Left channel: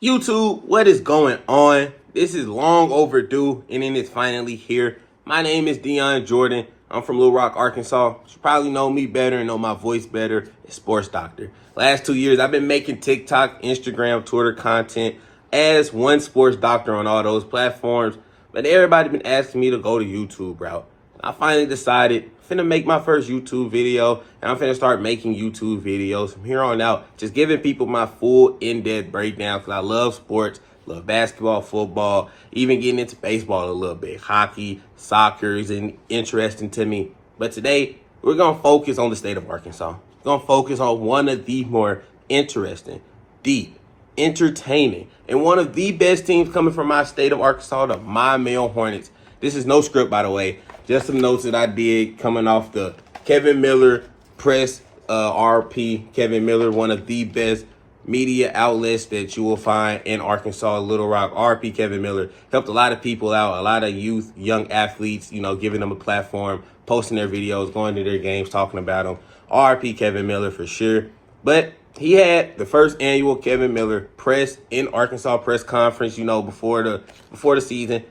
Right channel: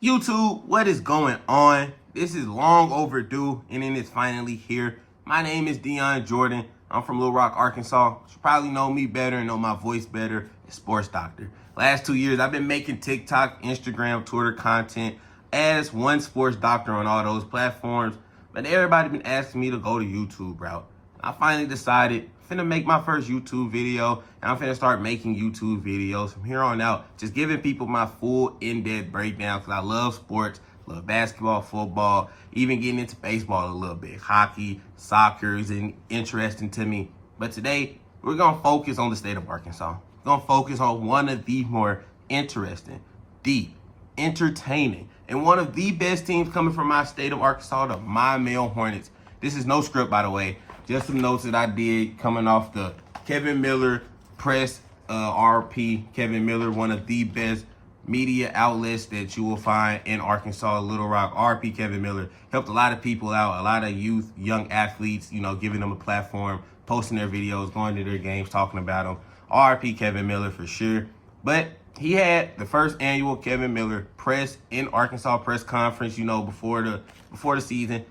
YouTube, what is going on? This is long overdue, and then it's finally here. My name is Dion Jordan. I'm from Little Rock, Arkansas. You probably know me better and know my voice better as Sports Doctor. Last 2 years, I've been making TikTok, Instagram, Twitter content as one sports doctor on all those platforms, but everybody been asking me to go to YouTube route. I finally decided I'm finna make my first YouTube video, and I'm finna start making YouTube videos from here on out, just giving people my full in-depth breakdown because I love sports, love basketball, football, even getting into baseball a little bit. Hockey, soccer is interesting to me. But today, we're gonna focus on the state of Arkansas. We're gonna focus on one of the more interesting, deep, entertaining, and one of the best teams coming from my state of Arkansas, the Maumelle Hornets. This is no script, by the way. Just some notes that I did coming off the Kevin Miller press, RP. Kevin Miller, one of the best media outlets that you will find in Arkansas, Little Rock. RP Kevin Miller helped a lot of people out, a lot of youth, young athletes, giving them a platform, posting their videos, going to their games, talking about them. RP Kevin Miller for sure. But he had the first annual Kevin Miller press in Arkansas press conference, before the season.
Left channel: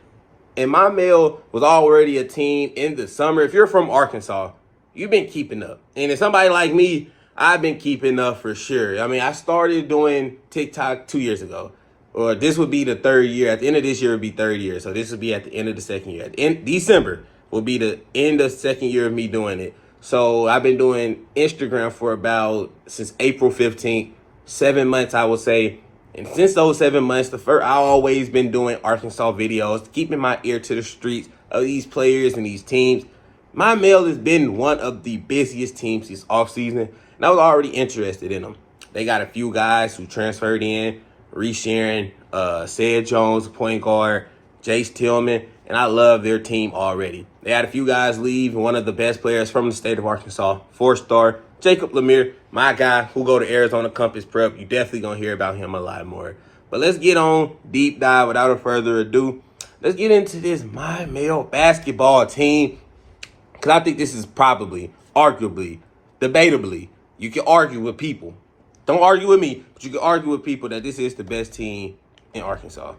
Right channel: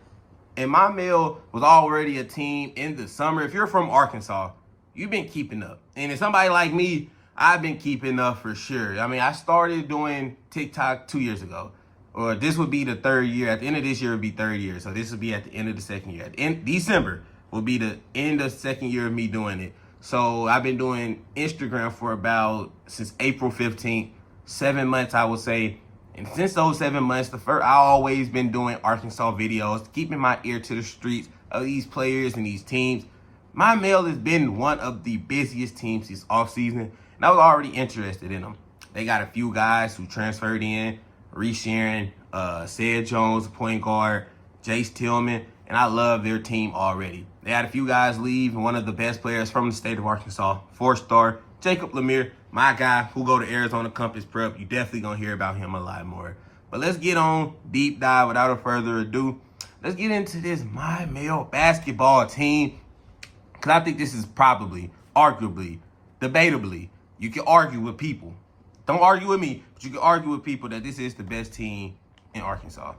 And Maumelle was already a team in the summer. If you're from Arkansas, you've been keeping up. And if somebody like me, I've been keeping up for sure. I mean, I started doing TikTok 2 years ago. Or this would be the third year. At the end of this year, it would be third year. So this would be at the end of the second year. In December will be the end of the second year of me doing it. So I've been doing Instagram for since April 15th, 7 months, I would say. And since those 7 months, I've always been doing Arkansas videos, keeping my ear to the streets of these players and these teams. Maumelle has been one of the busiest teams this offseason, and I was already interested in them. They got a few guys who transferred in, Reece Sharon, Said Jones, point guard, Jace Tillman, and I love their team already. They had a few guys leave, and one of the best players from the state of Arkansas, 4-star, Jacob Lemire, my guy who go to Arizona Compass Prep. You definitely going to hear about him a lot more. But let's get on deep dive without a further ado. Let's get into this Maumelle basketball team, because I think this is probably, arguably, debatably, you can argue with people. Don't argue with me, but you can argue with people that this is the best team in Arkansas.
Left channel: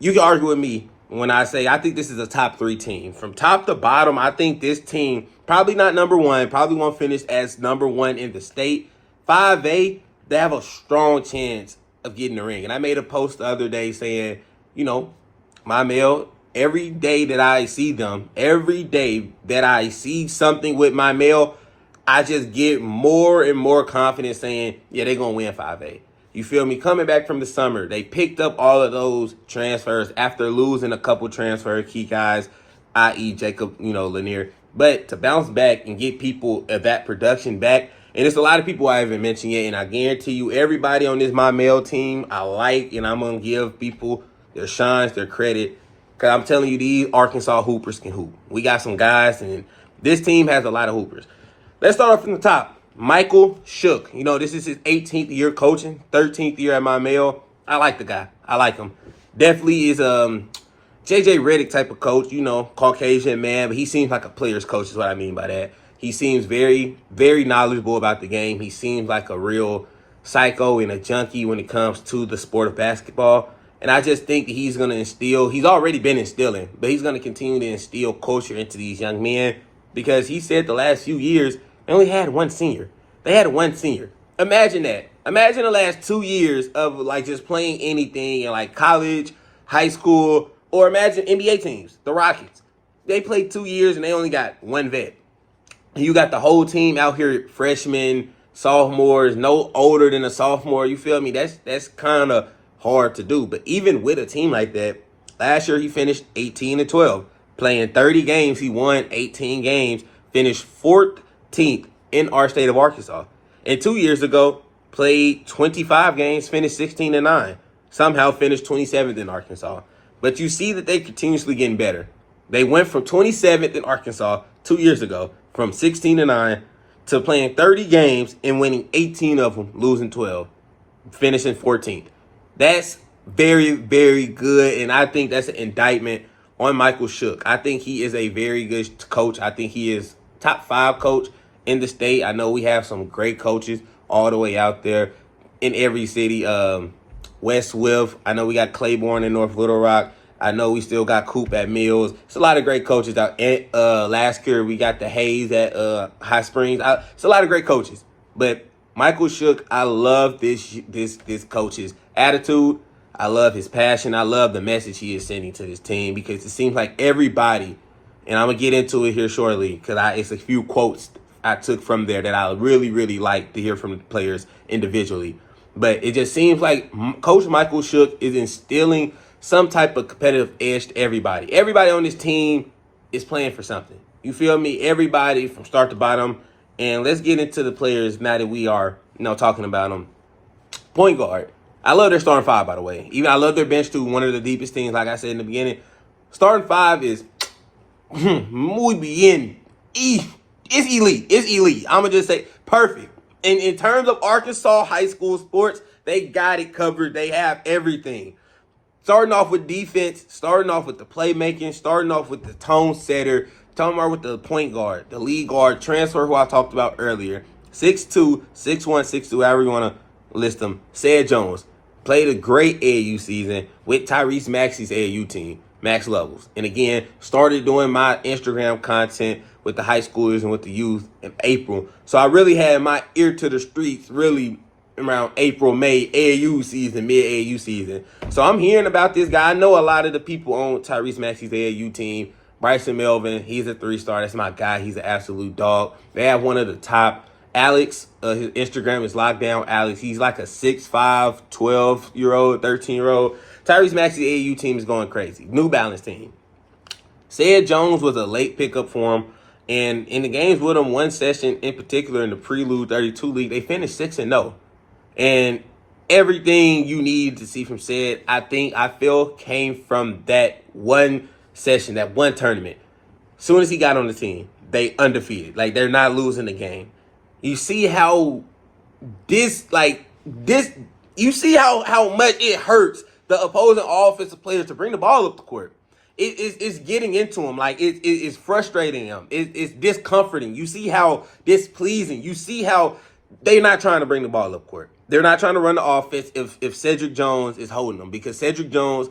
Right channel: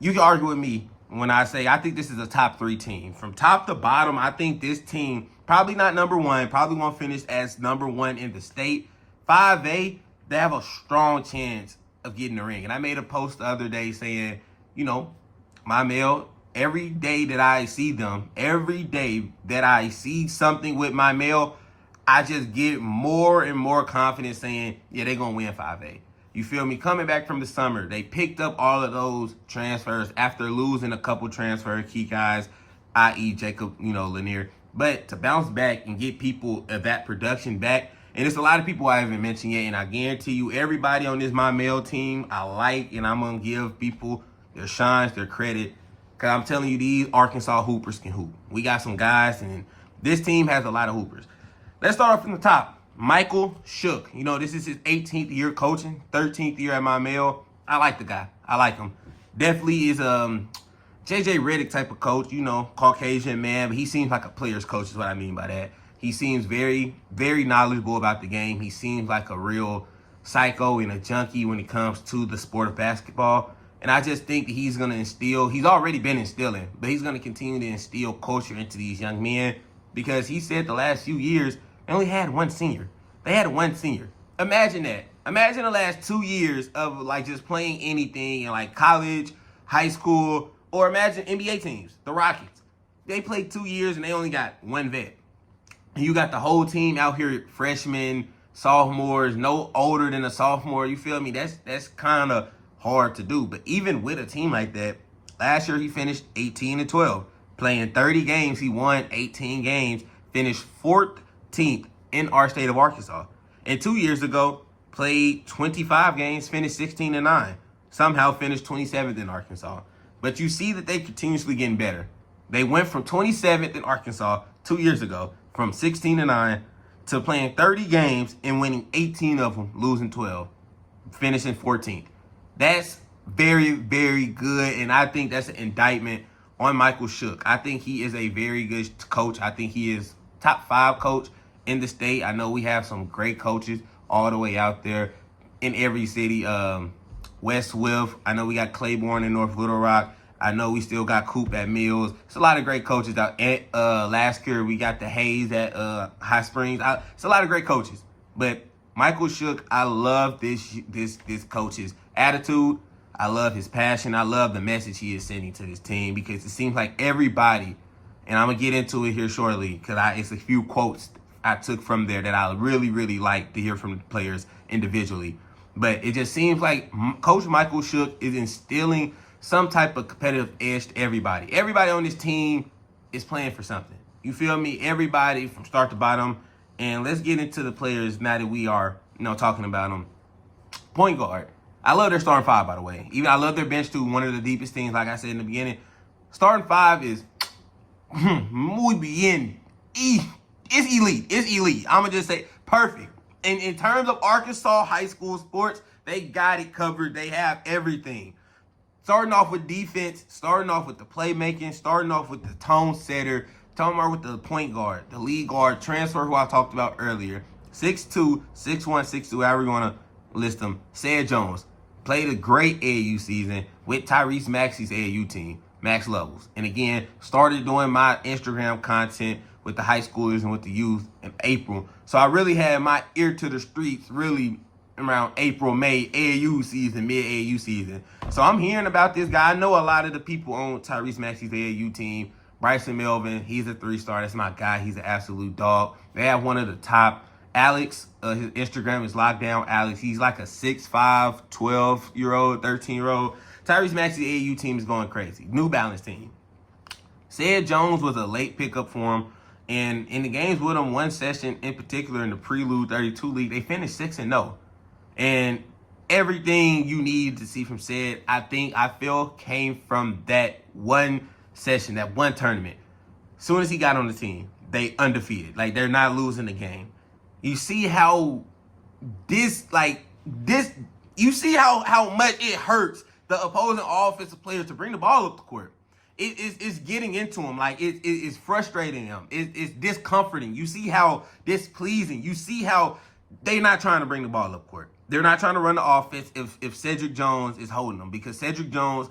You can argue with me when I say I think this is a top 3 team. From top to bottom, I think this team, probably not number one, probably won't finish as number one in the state. 5A, they have a strong chance of getting the ring. And I made a post the other day saying, Maumelle, every day that I see them, every day that I see something with Maumelle, I just get more and more confident saying, yeah, they're going to win 5A. You feel me? Coming back from the summer, they picked up all of those transfers after losing a couple transfer key guys, i.e. Jacob, Lanier. But to bounce back and get people of that production back, and it's a lot of people I haven't mentioned yet, and I guarantee you everybody on this Maumelle team I like, and I'm going to give people their shines, their credit, because I'm telling you, these Arkansas hoopers can hoop. We got some guys, and this team has a lot of hoopers. Let's start off from the top. Michael Shook. This is his 18th year coaching, 13th year at Maumelle. I like the guy. I like him. Definitely is JJ Redick type of coach, Caucasian man, but he seems like a player's coach is what I mean by that. He seems very, very knowledgeable about the game. He seems like a real psycho and a junkie when it comes to the sport of basketball. And I just think that he's going to he's already been instilling, but he's going to continue to instill culture into these young men, because he said the last few years, they only had one senior. They had one senior. Imagine that. Imagine the last 2 years of just playing anything in college, high school, or imagine NBA teams, the Rockets. They played 2 years and they only got one vet. And you got the whole team out here, freshmen, sophomores, no older than a sophomore. You feel me? That's kind of hard to do. But even with a team like that, last year he finished 18-12. Playing 30 games, he won 18 games, finished 14th in our state of Arkansas. And 2 years ago, played 25 games, finished 16-9. Somehow finished 27th in Arkansas. But you see that they continuously getting better. They went from 27th in Arkansas 2 years ago, from 16-9, to playing 30 games and winning 18 of them, losing 12, finishing 14th. That's very, very good, and I think that's an indictment on Michael Shook. I think he is a very good coach. I think he is top 5 coach in the state. I know we have some great coaches all the way out there in every city. West Swift. I know we got Claiborne in North Little Rock. I know we still got Coop at Mills. It's a lot of great coaches out. And last year we got the Hayes at High Springs. It's a lot of great coaches. But Michael Shook, I love this coach's attitude. I love his passion. I love the message he is sending to this team because it seems like everybody, and I'm gonna get into it here shortly because it's a few quotes I took from there that I really, really like to hear from the players individually. But it just seems like Coach Michael Shook is instilling some type of competitive edge to everybody. Everybody on this team is playing for something. You feel me? Everybody from start to bottom. And let's get into the players now that we are, talking about them. Point guard. I love their starting five, by the way. Even I love their bench too. One of the deepest things, like I said in the beginning. Starting five is muy bien. It's elite. It's elite. I'm going to just say perfect. And in terms of Arkansas high school sports, they got it covered. They have everything. Starting off with defense, starting off with the playmaking, starting off with the tone setter, talking about with the point guard, the lead guard, transfer who I talked about earlier. 6'2", 6'1", 6'2", however you want to list them. Said Jones played a great AAU season with Tyrese Maxey's AAU team, Max Levels. And again, started doing my Instagram content with the high schoolers and with the youth in April. So I really had my ear to the streets really around April, May, AAU season, mid-AAU season. So I'm hearing about this guy. I know a lot of the people on Tyrese Maxey's AAU team. Bryson Melvin, he's a 3-star. That's my guy. He's an absolute dog. They have one of the top. Alex, his Instagram is Lockdown Alex. He's like a 6'5", 12-year-old, 13-year-old. Tyrese Maxey's AAU team is going crazy. New Balance team. Said Jones was a late pickup for him. And in the games with him, one session in particular in the Prelude 32 League, they finished 6-0. And everything you need to see from Said, I feel came from that one session, that one tournament. As soon as he got on the team, they undefeated. Like, they're not losing the game. You see how you see how much it hurts the opposing offensive players to bring the ball up the court. It's getting into him. Like, it's frustrating him. It's discomforting. You see how displeasing. You see how they're not trying to bring the ball up court. They're not trying to run the offense if Cedric Jones is holding them. Because Cedric Jones,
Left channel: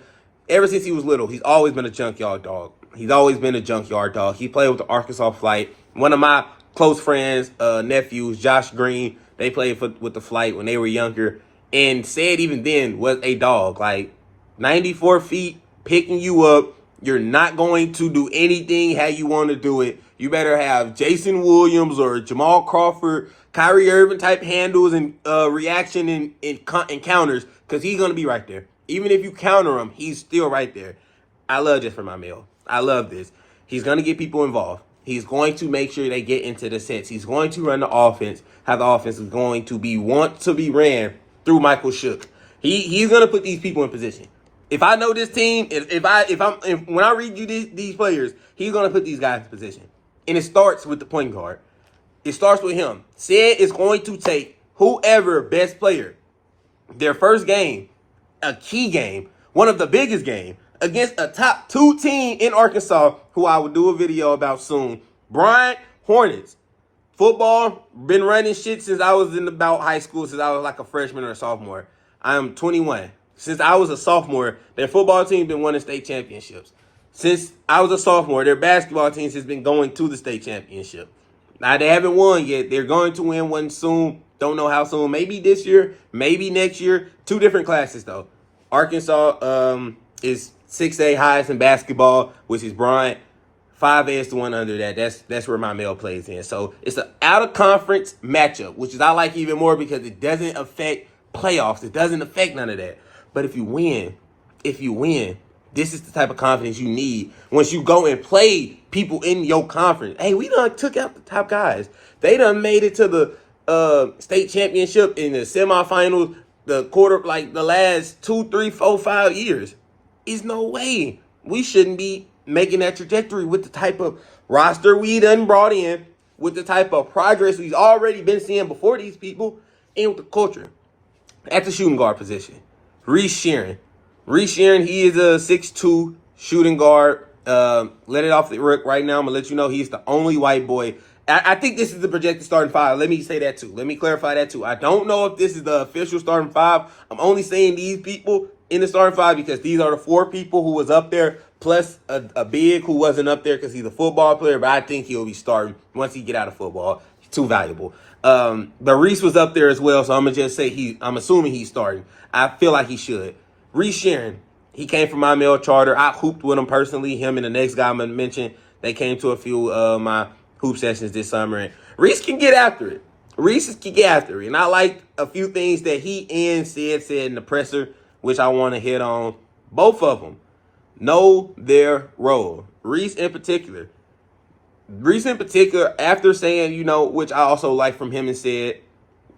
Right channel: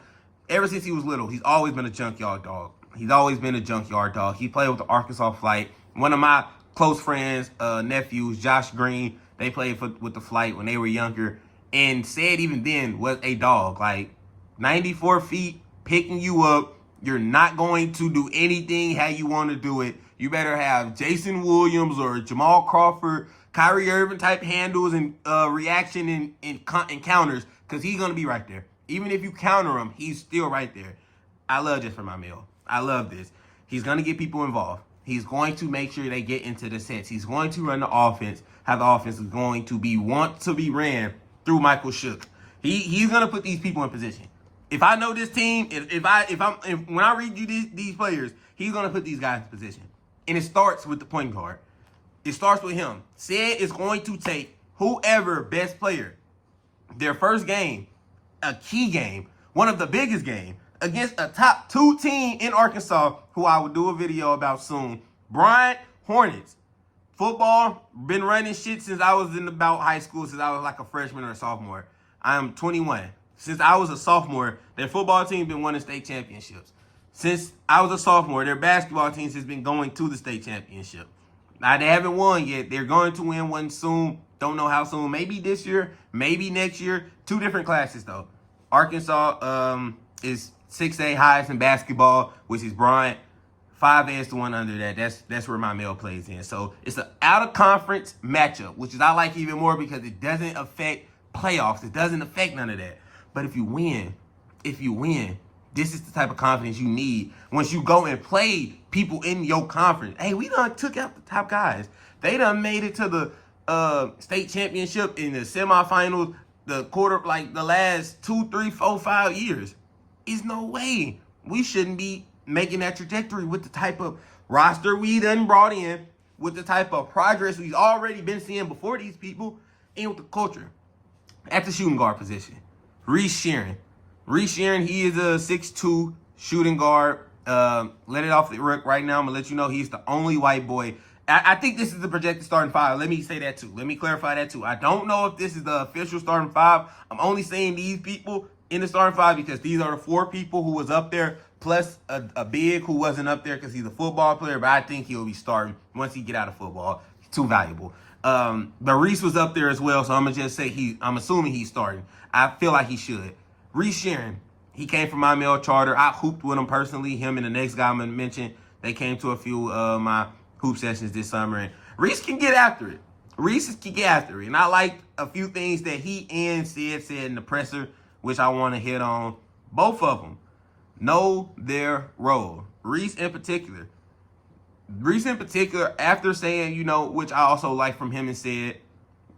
ever since he was little, he's always been a junkyard dog. He's always been a junkyard dog. He played with the Arkansas Flight. One of my close friends, nephews, Josh Green, they played with the Flight when they were younger. And Said even then was a dog. Like, 94 feet, picking you up. You're not going to do anything how you want to do it. You better have Jason Williams or Jamal Crawford, Kyrie Irving type handles and reaction and counters, because he's going to be right there. Even if you counter him, he's still right there. I love this for Maumelle. I love this. He's going to get people involved. He's going to make sure they get into the sets. He's going to run the offense, how the offense is going to want to be ran through Michael Shook. He's going to put these people in position. If I know this team, when I read you these players, he's going to put these guys in position. And it starts with the point guard. It starts with him. Said is going to take whoever best player, their first game, a key game, one of the biggest games, against a top 2 team in Arkansas, who I will do a video about soon. Bryant Hornets. Football, been running shit since I was in about high school, since I was like a freshman or a sophomore. I am 21. Since I was a sophomore, their football team been winning state championships. Since I was a sophomore, their basketball team has been going to the state championship. Now, they haven't won yet. They're going to win one soon. Don't know how soon. Maybe this year, maybe next year. 2 different classes, though. Arkansas is 6A highest in basketball, which is Bryant. 5A is the one under that. That's where Maumelle plays in. So it's an out-of-conference matchup, which is I like even more because it doesn't affect playoffs. It doesn't affect none of that. But if you win, this is the type of confidence you need once you go and play people in your conference. Hey, we done took out the top guys. They done made it to the state championship in the semifinals, the quarter, like the last 2, 3, 4, 5 years. Is no way we shouldn't be making that trajectory with the type of roster we done brought in, with the type of progress we've already been seeing before these people, and with the culture. At the shooting guard position, Reese Sheeran. He is a 6'2" shooting guard. Let it off the rip right now. I'm going to let you know he's the only white boy I think this is the projected starting five. Let me say that too. Let me clarify that too. I don't know if this is the official starting five. I'm only saying these people in the starting five because these are the 4 people who was up there, plus a big who wasn't up there because he's a football player, but I think he'll be starting once he get out of football. He's too valuable. But Reese was up there as well, so I'm gonna just say I'm assuming he's starting. I feel like he should. Reese Sharon, he came from Maumelle charter. I hooped with him personally. Him and the next guy I'm gonna mention, they came to a few of my hoop sessions this summer, and Reese can get after it. Reese can get after it, and I like a few things that he and said in the presser, which I want to hit on. Both of them know their role. Reese in particular, after saying, which I also like from him and said,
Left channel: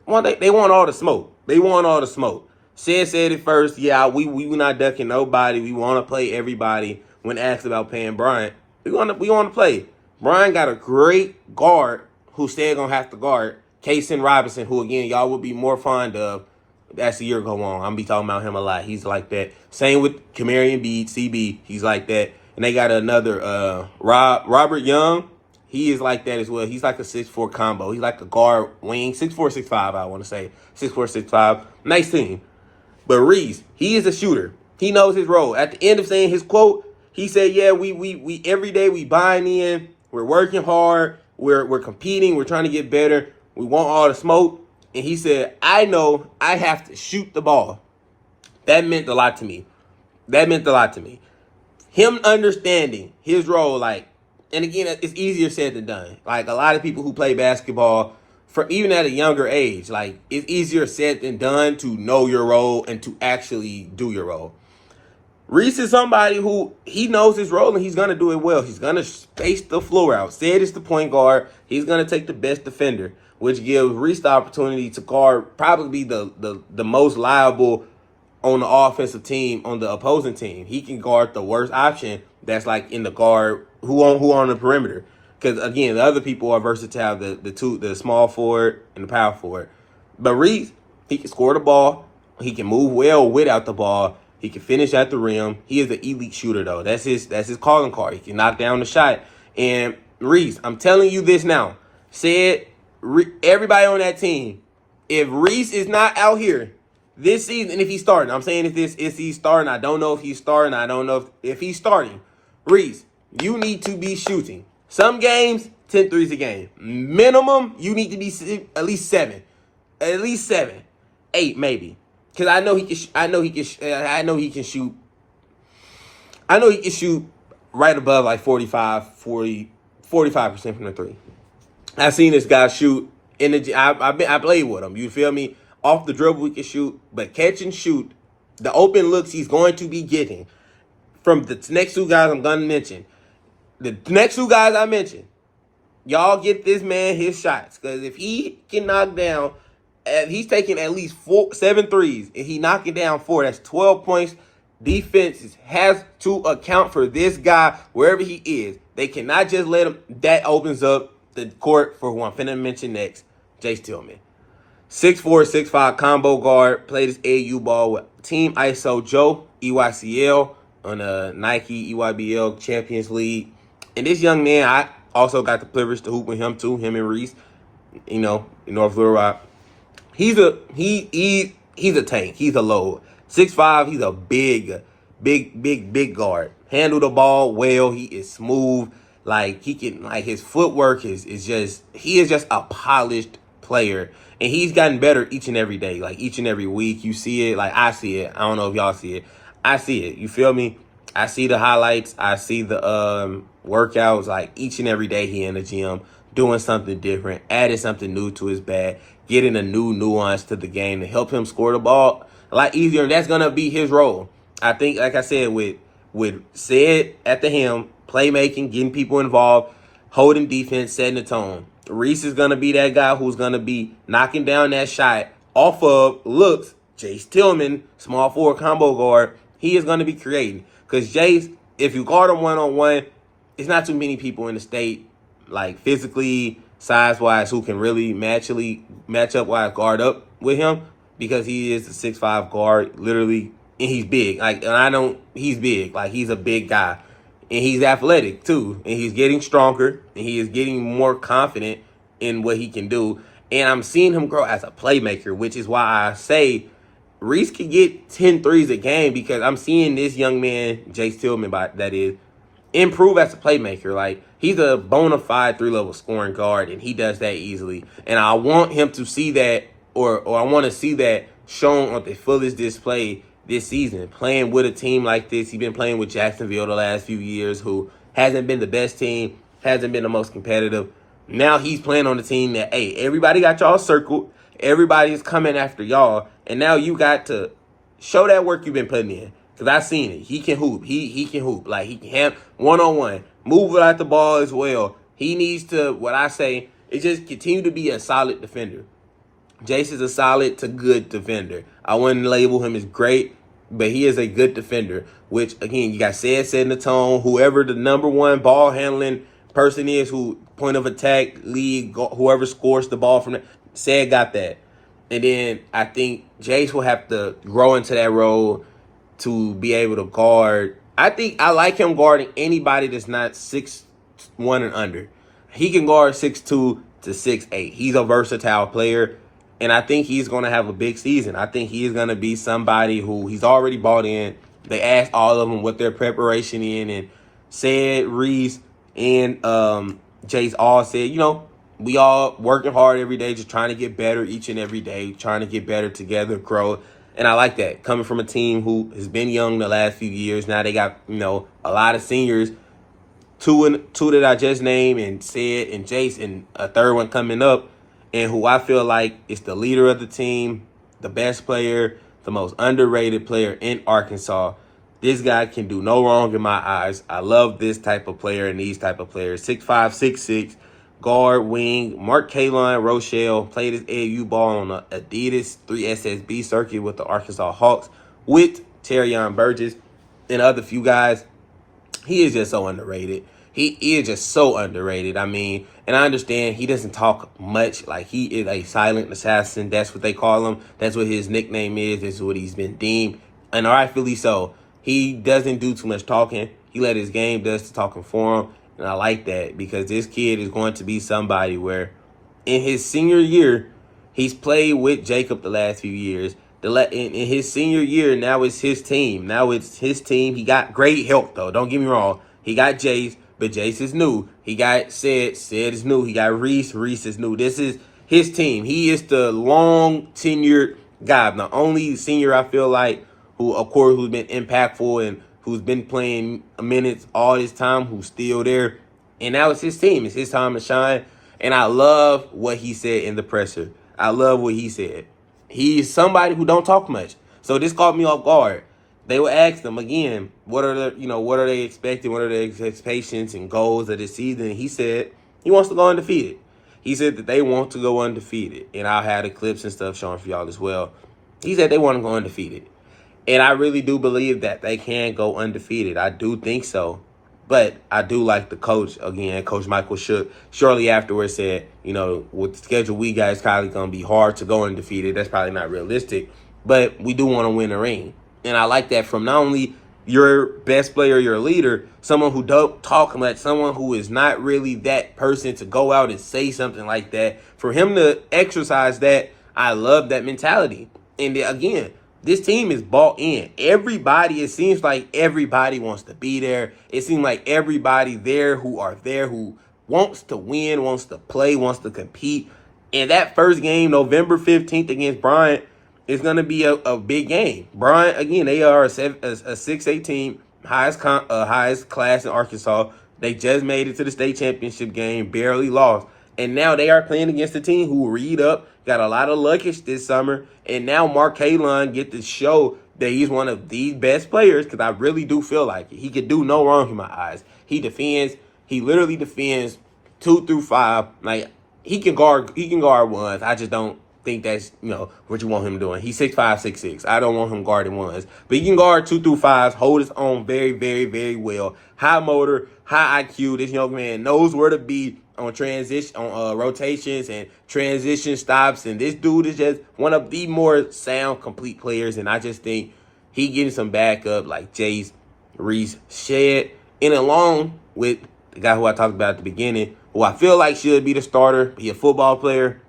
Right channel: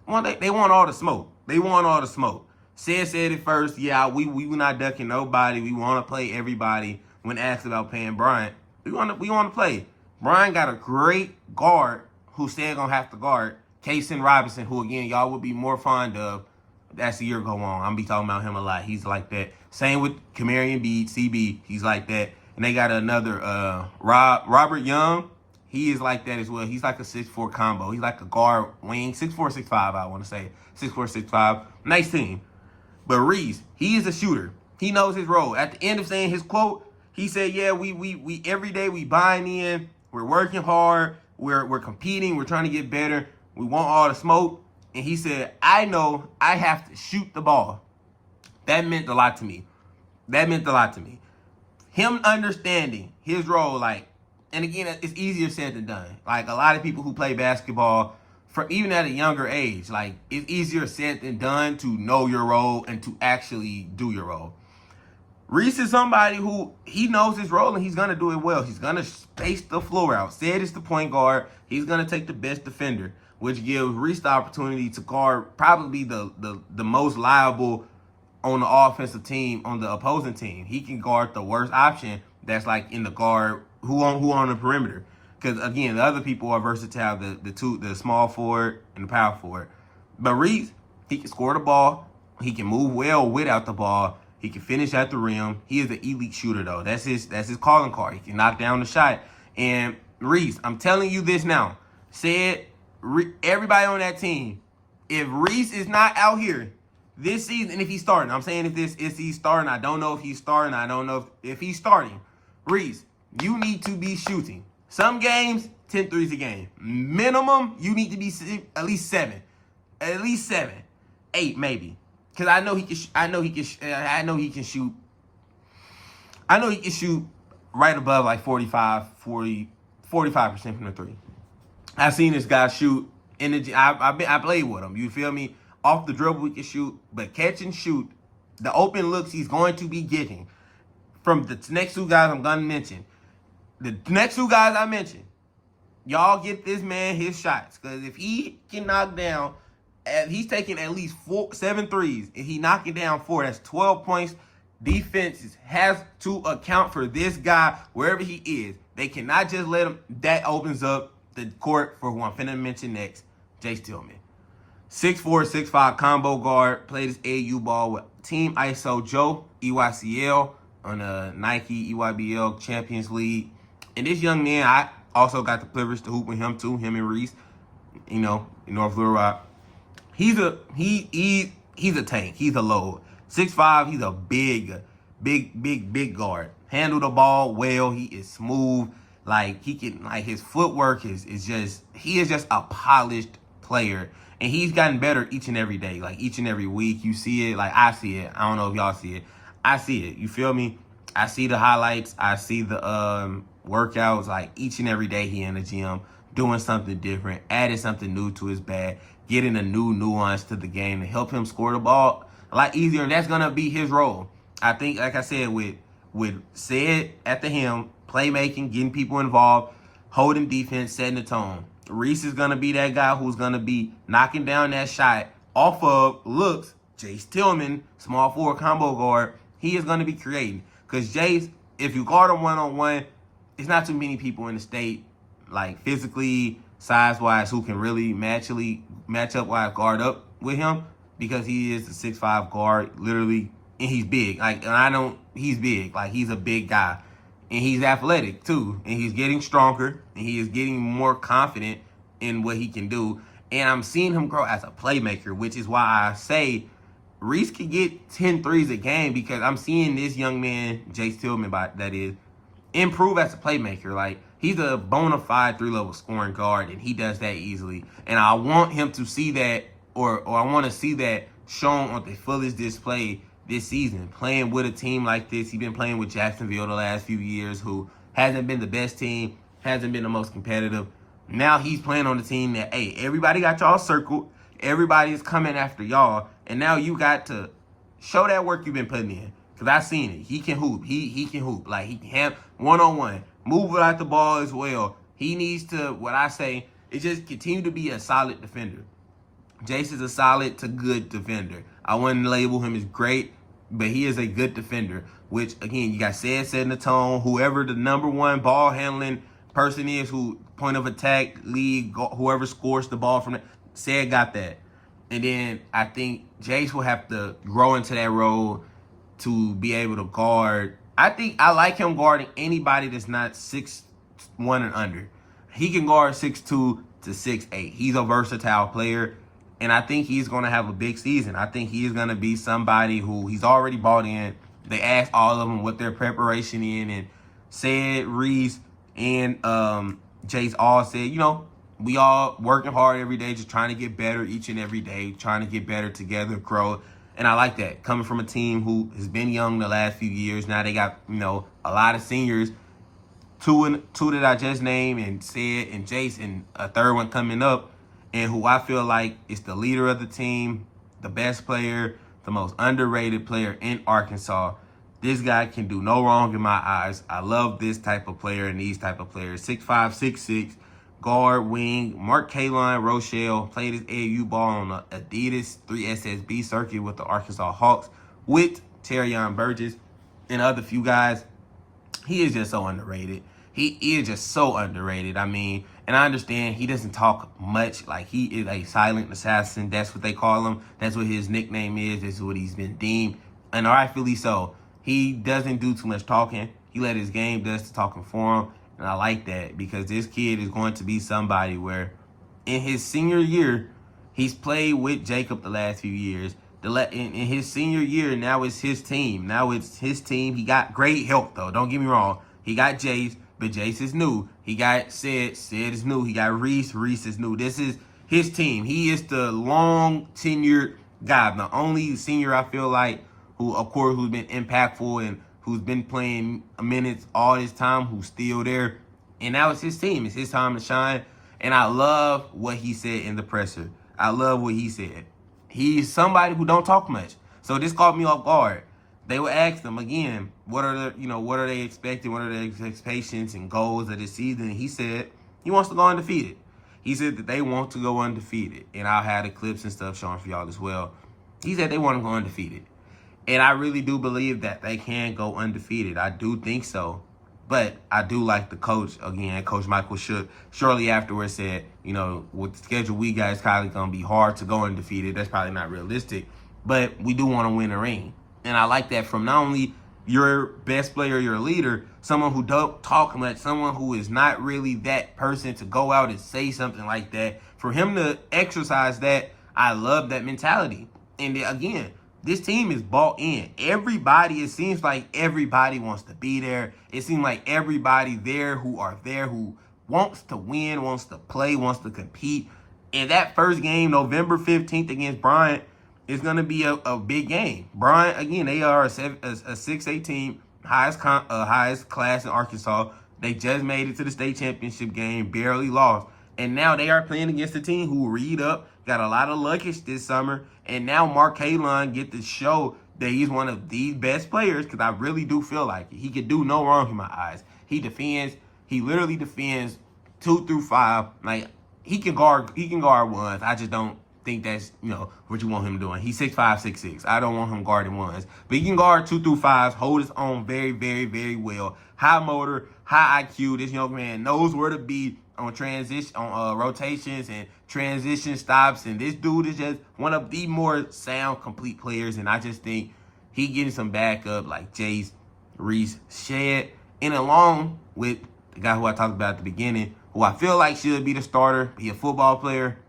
well, they want all the smoke. They want all the smoke. Said it first. Yeah, we not ducking nobody. We want to play everybody. When asked about paying Bryant, we want to play. Brian got a great guard who still gonna have to guard Kaysen Robinson, who again y'all would be more fond of as the year go on. I'm be talking about him a lot. He's like that. Same with Kamarian Bede, CB. He's like that. And they got another Robert Young. He is like that as well. He's like a 6'4" combo. He's like a guard wing, 6'4", 6'5", I want to say. 6'4", 6'5". Nice team. But Reese, he is a shooter. He knows his role. At the end of saying his quote, he said, yeah, we every day we buying in. We're working hard. We're competing. We're trying to get better. We want all the smoke. And he said, I know I have to shoot the ball. That meant a lot to me. Him understanding his role, and again, it's easier said than done. Like a lot of people who play basketball, for even at a younger age, it's easier said than done to know your role and to actually do your role. Reese is somebody who he knows his role and he's going to do it well. He's going to space the floor out. Said it's the point guard. He's going to take the best defender, which gives Reese the opportunity to guard probably the most liable on the offensive team, on the opposing team. He can guard the worst option that's in the guard who on the perimeter. Because, again, the other people are versatile, the small forward and the power forward. But Reese, he can score the ball. He can move well without the ball. He can finish at the rim. He is an elite shooter, though. That's his calling card. He can knock down the shot. And Reese, I'm telling you this now. Everybody on that team, if Reese is not out here this season, and if he's starting, I'm saying if he's starting, I don't know if he's starting. I don't know if he's starting. Reese, you need to be shooting. Some games, 10 threes a game. Minimum, you need to be at least 7. At least 7. 8, maybe. Because I know he can shoot. I know he can shoot right above 45% from the three. I've seen this guy shoot I played with him. You feel me? Off the dribble, he can shoot, but catch and shoot, the open looks he's going to be getting from the next 2 guys I'm going to mention. The next 2 guys I mentioned, y'all get this man his shots. Because if he can knock down, he's taking at least 7 threes, and he knocking down 4, that's 12 points. Defenses has to account for this guy wherever he is. They cannot just let him. That opens up the court for who I'm finna mention next, Jace Tillman. 6'4", 6'5" combo guard. Played his AAU ball with Team ISO Joe, EYCL, on the Nike EYBL Champions League. And this young man, I also got the privilege to hoop with him too, him and Reese, in North Little Rock. He's a tank. He's a load. 6'5", he's a big guard. Handle the ball well. He is smooth. He can, his footwork is just, he is just a polished player. And he's gotten better each and every day. Each and every week, you see it. I see it. I don't know if y'all see it. I see it. You feel me? I see the highlights. I see the workouts. Each and every day he in the gym doing something different, adding something new to his bag, getting a new nuance to the game to help him score the ball a lot easier. And that's going to be his role. I think, like I said, with Said at the helm, playmaking, getting people involved, holding defense, setting the tone. Reese is going to be that guy who's going to be knocking down that shot off of looks. Jace Tillman, small forward combo guard, he is going to be creating. Because Jace, if you guard him one-on-one, it's not too many people in the state, physically, size-wise, who can really match up-wise guard up with him, because he is a 6'5" guard, literally, and he's big. He's big. He's a big guy. and he's athletic too, and he's getting stronger, and he is getting more confident in what he can do. And I'm seeing him grow as a playmaker, which is why I say Reese could get 10 threes a game, because I'm seeing this young man, Jace Tillman, that is, improve as a playmaker. Like, he's a bona fide 3-level scoring guard, and he does that easily. And I want him to see that, or I want to see that shown on the fullest display this season. Playing with a team like this, he's been playing with Jacksonville the last few years, who hasn't been the best team, hasn't been the most competitive. Now he's playing on the team that, hey, everybody got y'all circled, everybody's coming after y'all, and now you got to show that work you've been putting in. Because I've seen it. He can hoop. He can hoop. Like, he can have one-on-one. Move without the ball as well. He needs to, what I say, is just continue to be a solid defender. Jace is a solid to good defender. I wouldn't label him as great, but he is a good defender. Which, again, you got setting the tone. Whoever the number one ball handling person is, who point of attack, lead, whoever scores the ball from it, got that. And then I think Jace will have to grow into that role to be able to guard. I think I like him guarding anybody that's not 6'1" and under. He can guard 6'2" to 6'8". He's a versatile player, and I think he's going to have a big season. I think he is going to be somebody who he's already bought in. They asked all of them what their preparation in, and said Reese and Jace all said, you know, we all working hard every day, just trying to get better each and every day, trying to get better together, grow. And I like that, coming from a team who has been young the last few years. Now they got, you know, a lot of seniors, two that I just named, and said, and Jace, and a third one coming up, and who I feel like is the leader of the team, the best player, the most underrated player in Arkansas. This guy can do no wrong in my eyes. I love this type of player and these type of players. 6'5", 6'6", guard, wing. Mark Kalon Rochelle played his AAU ball on the Adidas 3SSB circuit with the Arkansas Hawks with Terrion Burgess and other few guys. He is just so underrated. He is just so underrated. I mean, and I understand he doesn't talk much. Like, he is a silent assassin. That's what they call him. That's what his nickname is. That's what he's been deemed. And rightfully so. He doesn't do too much talking. He let his game does the talking for him. And I like that, because this kid is going to be somebody where in his senior year, he's played with Jacob the last few years. In his senior year, now it's his team. Now it's his team. He got great help, though. Don't get me wrong. He got Jace, but Jace is new. He got Sid is new. He got Reese is new. This is his team. He is the long tenured guy. The only senior I feel like who, of course, who's been impactful and who's been playing minutes all this time, who's still there. And now it's his team. It's his time to shine. And I love what he said in the presser. I love what he said. He's somebody who don't talk much. So this caught me off guard. They would ask them again, what are they expecting? What are their expectations and goals of this season? And he said he wants to go undefeated. He said that they want to go undefeated. And I'll have the clips and stuff showing for y'all as well. He said they want to go undefeated. And I really do believe that they can go undefeated. I do think so. But I do like the coach, again, Coach Michael Shook, shortly afterwards said, you know, with the schedule we got, it's probably going to be hard to go undefeated. That's probably not realistic. But we do want to win a ring. And I like that from not only your best player, your leader, someone who don't talk much, someone who is not really that person to go out and say something like that. For him to exercise that, I love that mentality. And again, this team is bought in. Everybody, it seems like everybody wants to be there. It seems like everybody there who wants to win, wants to play, wants to compete. And that first game, November 15th against Bryant, is going to be a big game. Bryant, again, they are a 6'8" team, highest class in Arkansas. They just made it to the state championship game, barely lost. And now they are playing against a team who read up, got a lot of luggage this summer. And now Mark Kalon get to show that he's one of the best players, because I really do feel like it. He could do no wrong in my eyes. He literally defends 2 through 5. Like, he can guard ones. I just don't think that's, what you want him doing. He's 6'5", 6'6". I don't want him guarding ones. But he can guard 2 through 5s, hold his own very, very, very well. High motor, high IQ. This young man knows where to be on rotations and transition stops. And this dude is just one of the more sound, complete players. And I just think he getting some backup like Jace, Reese, Shed, And along with the guy who I talked about at the beginning, who I feel like should be the starter, be a football player,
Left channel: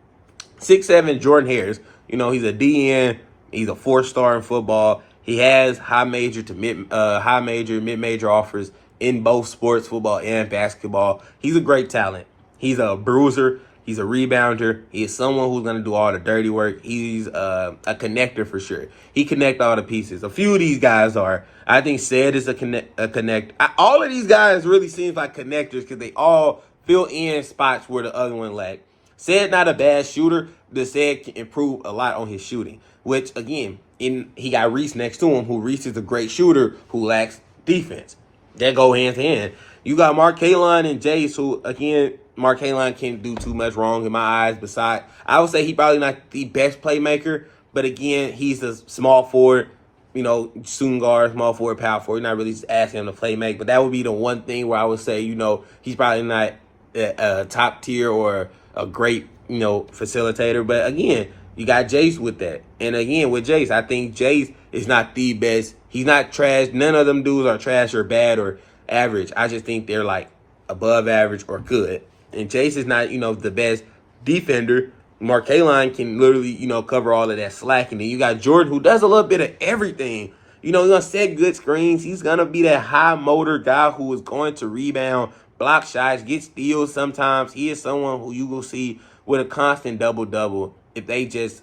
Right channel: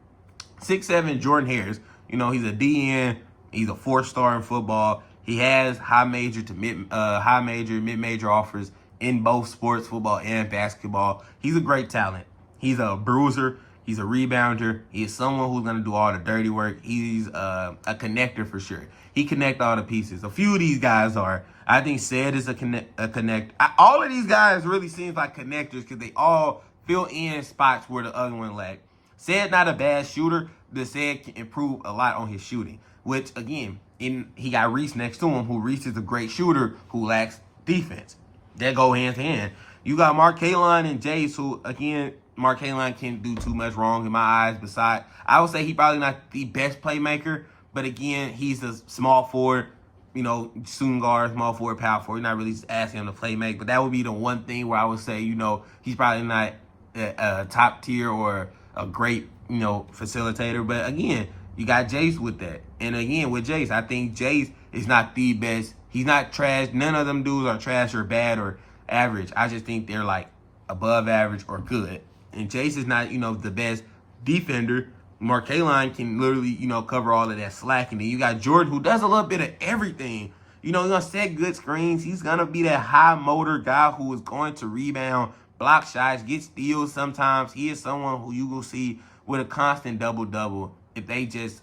6'7" Jordan Harris. You know, he's a DN. He's a 4-star in football. He has high major, mid-major offers in both sports, football and basketball. He's a great talent. He's a bruiser. He's a rebounder. He is someone who's going to do all the dirty work. He's a connector for sure. He connects all the pieces. A few of these guys are. I think Said is a connect. All of these guys really seems like connectors because they all fill in spots where the other one lack. Said not a bad shooter. The Said can improve a lot on his shooting, which again, he got Reese next to him, who Reese is a great shooter who lacks defense. They go hand to hand. You got Mark Kalon and Jace, who again, Mark Kalon can't do too much wrong in my eyes. Besides, I would say he probably not the best playmaker, but again, he's a small forward, you know, shooting guard, small forward, power forward. You're not really asking him to play make, but that would be the one thing where I would say, you know, he's probably not a top tier or a great, you know, facilitator. But again, you got Jace with that. And again, with Jace, I think Jace is not the best. He's not trash. None of them dudes are trash or bad or average. I just think they're like above average or good. And Jace is not, you know, the best defender. Mark Kalon can literally, you know, cover all of that slack. And then you got Jordan, who does a little bit of everything. You know, he's going to set good screens. He's going to be that high motor guy who is going to rebound, block shots, get steals sometimes. He is someone who you will see with a constant double-double if they just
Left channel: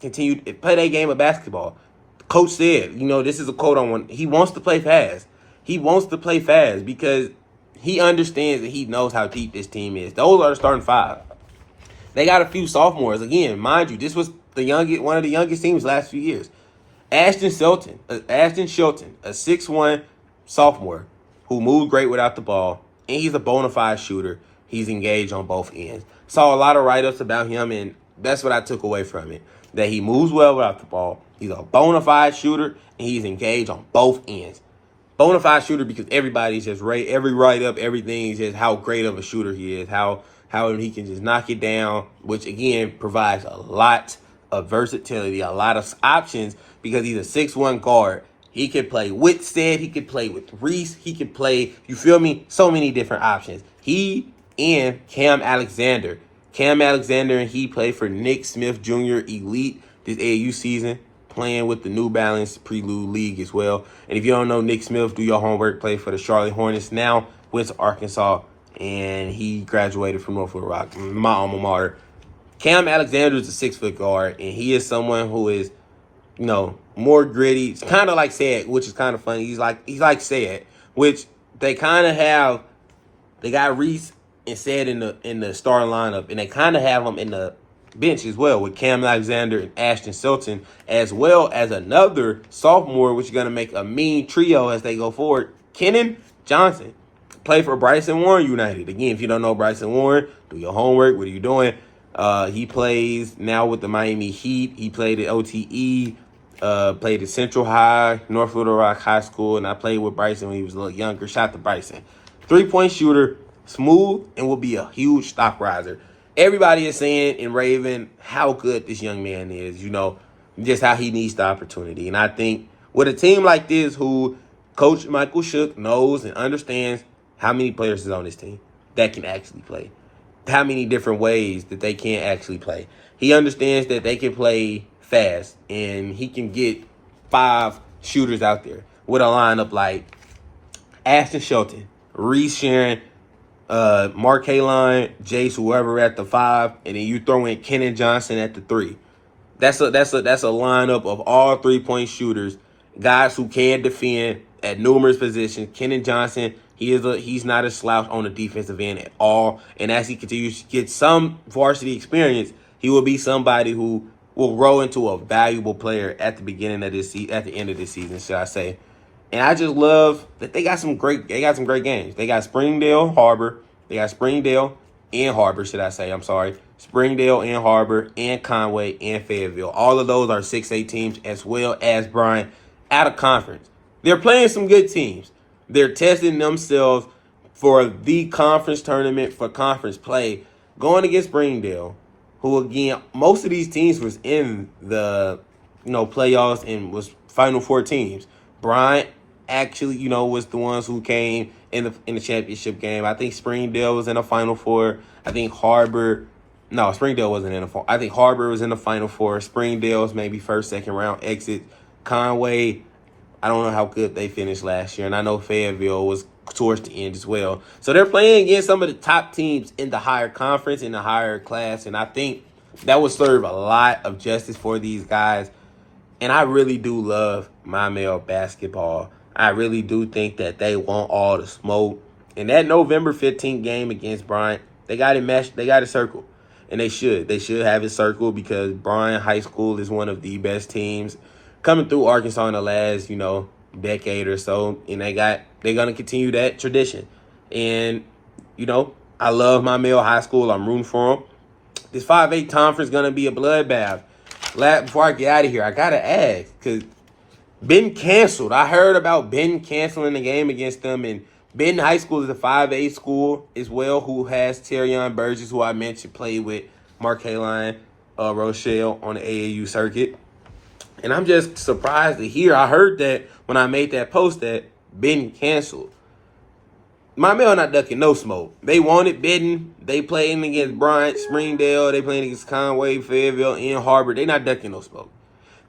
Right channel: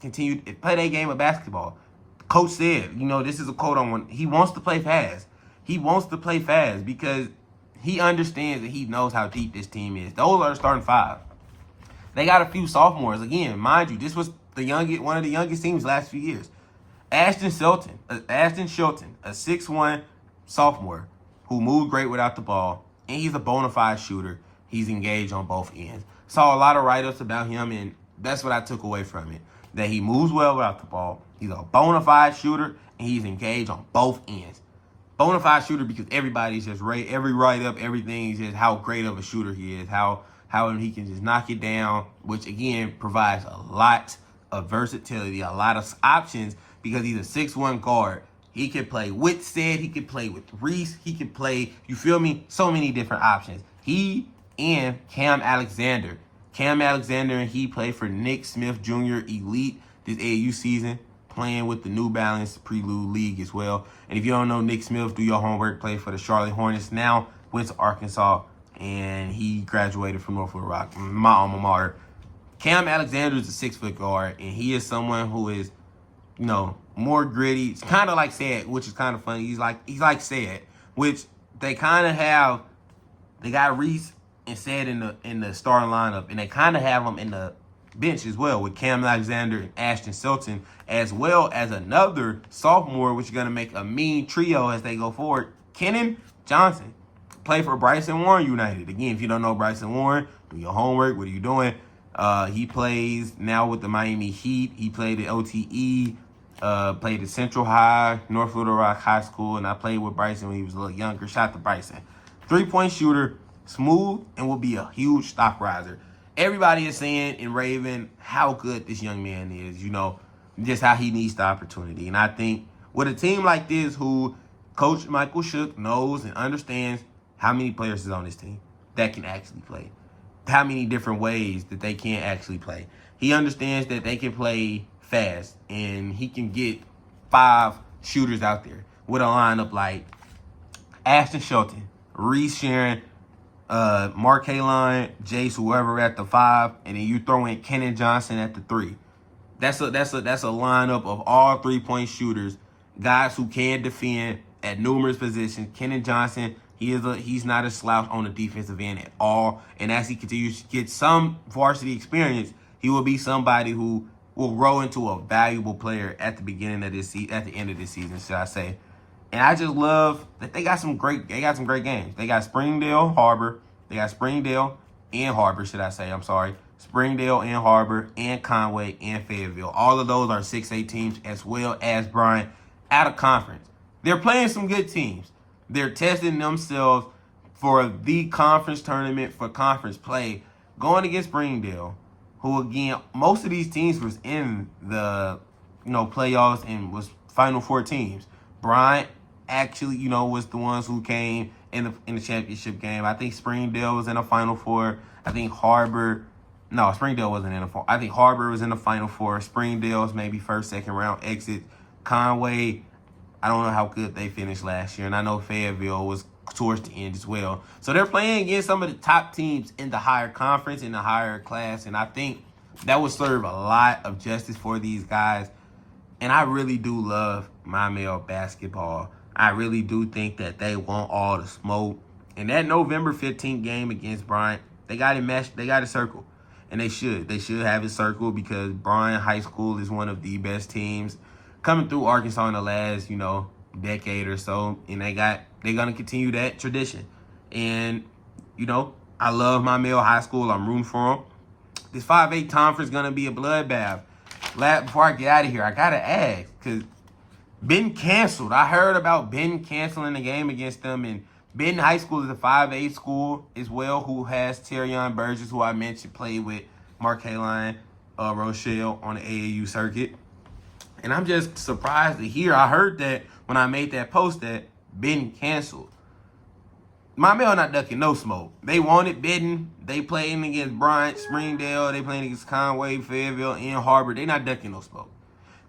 continue to play their game of basketball. Coach said, you know, this is a quote on one. He wants to play fast. He wants to play fast because he understands that he knows how deep this team is. Those are the starting five. They got a few sophomores. Again, mind you, this was one of the youngest teams last few years. Ashton Shelton, a 6'1" sophomore who moved great without the ball, and he's a bona fide shooter. He's engaged on both ends. Saw a lot of write-ups about him, and that's what I took away from it, that he moves well without the ball. He's a bona fide shooter, and he's engaged on both ends. Bona fide shooter because everybody's just every write-up, everything is just how great of a shooter he is, how he can just knock it down, which, again, provides a lot of versatility, a lot of options because he's a 6'1" guard. He can play with Said. He can play with Reese. He can play, you feel me? So many different options. He and Cam Alexander. Cam Alexander and he played for Nick Smith Jr. Elite this AAU season, playing with the New Balance Prelude League as well. And if you don't know Nick Smith, do your homework, play for the Charlotte Hornets, now went to Arkansas, and he graduated from North Little Rock, my alma mater. Cam Alexander is a 6-foot guard, and he is someone who is, you know, more gritty. It's kind of like Said, which is kind of funny. He's like Said, which they kind of have. They got Reese and Said in the starting lineup, and they kind of have them in the bench as well with Cam Alexander and Ashton Shelton, as well as another sophomore, which is going to make a mean trio as they go forward. Kenan Johnson, play for Bryson Warren United. Again, if you don't know Bryson Warren, do your homework. What are you doing? He plays now with the Miami Heat. He played at OTE, played at Central High, North Little Rock High School, and I played with Bryson when he was a little younger. Shout to Bryson. 3-point shooter, smooth, and will be a huge stock riser. Everybody is saying and raving how good this young man is, you know, just how he needs the opportunity. And I think with a team like this who Coach Michael Shook knows and understands how many players is on this team that can actually play, how many different ways that they can actually play. He understands that they can play fast, and he can get 5 shooters out there with a lineup like Ashton Shelton, Reese Sharon, Mark Kalon, Jace, whoever at the 5, and then you throw in Kenan Johnson at the 3. That's a lineup of all 3-point shooters, guys who can defend at numerous positions. Kenan Johnson, he's not a slouch on the defensive end at all. And as he continues to get some varsity experience, he will be somebody who will grow into a valuable player at the beginning of this at the end of this season, should I say. And I just love that they got some great games. They got Springdale and Harbor, should I say. I'm sorry. Springdale and Harbor and Conway and Fayetteville. All of those are 6A teams, as well as Bryan, out of conference. They're playing some good teams. They're testing themselves for the conference tournament, for conference play, going against Springdale, who, again, most of these teams was in the, playoffs and was Final Four teams. Bryant actually, was the ones who came in the championship game. I think Springdale was in the Final Four. I think Springdale wasn't in the Final. I think Harbor was in the Final Four. Springdale's maybe first, second round exit. Conway, I don't know how good they finished last year, and I know Fayetteville was towards the end as well. So they're playing against some of the top teams in the higher conference, in the higher class, and I think that would serve a lot of justice for these guys. And I really do love Maumelle basketball. I really do think that they want all the smoke. In that November 15th game against Bryant, they got it meshed. They got it circled. And they should. They should have it circled because Bryant High School is one of the best teams coming through Arkansas in the last, decade or so. And they're gonna continue that tradition. And, I love Maumelle High School. I'm rooting for them. This 5A conference gonna be a bloodbath. Before I get out of here, I gotta ask, because Benton canceled. I heard about Benton canceling the game against them, and Benton High School is a 5A school as well, who has Terrion Burgess, who I mentioned played with Mark Haline, Rochelle on the AAU circuit. And I'm just surprised to hear. I heard that when I made that post that Benton canceled. Maumelle not ducking no smoke. They wanted Benton. They playing against Bryant, Springdale. They playing against Conway, Fayetteville, and Harbor. They not ducking no smoke.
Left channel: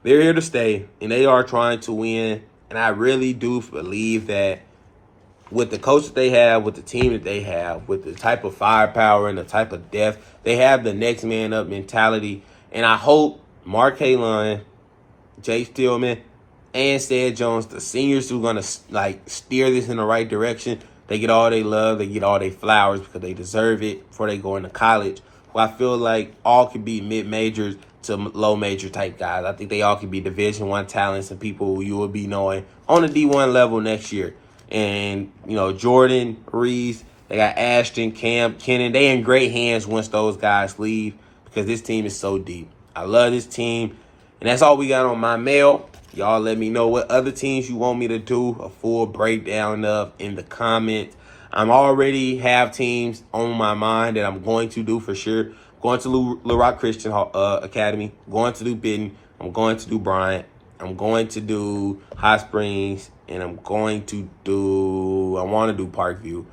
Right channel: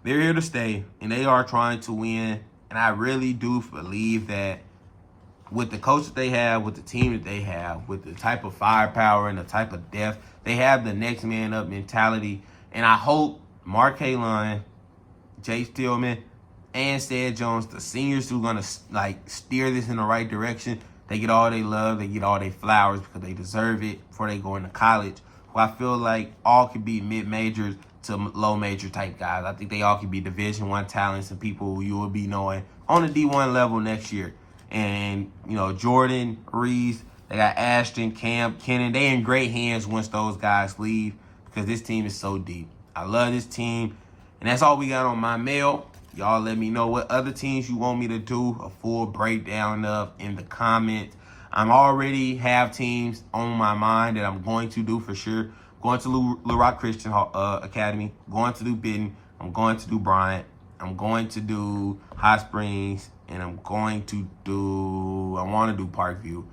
They're here to stay, and they are trying to win. And I really do believe that with the coach that they have, with the team that they have, with the type of firepower and the type of depth, they have the next man up mentality. And I hope Mark Haline, Jay Stillman, and Sed Jones, the seniors who are going to steer this in the right direction, they get all they love, they get all they flowers because they deserve it before they go into college. Well, I feel like all could be mid-majors to low-major type guys. I think they all could be Division I talents and people who you will be knowing on the D1 level next year. And, Jordan, Reese, they got Ashton, Cam, Kennan. They in great hands once those guys leave because this team is so deep. I love this team. And that's all we got on Maumelle. Y'all let me know what other teams you want me to do a full breakdown of in the comments. I'm already have teams on my mind that I'm going to do for sure. Going to Little Rock Christian Academy. Going to do Benton. I'm going to do Bryant. I'm going to do Hot Springs. And I want to do Parkview.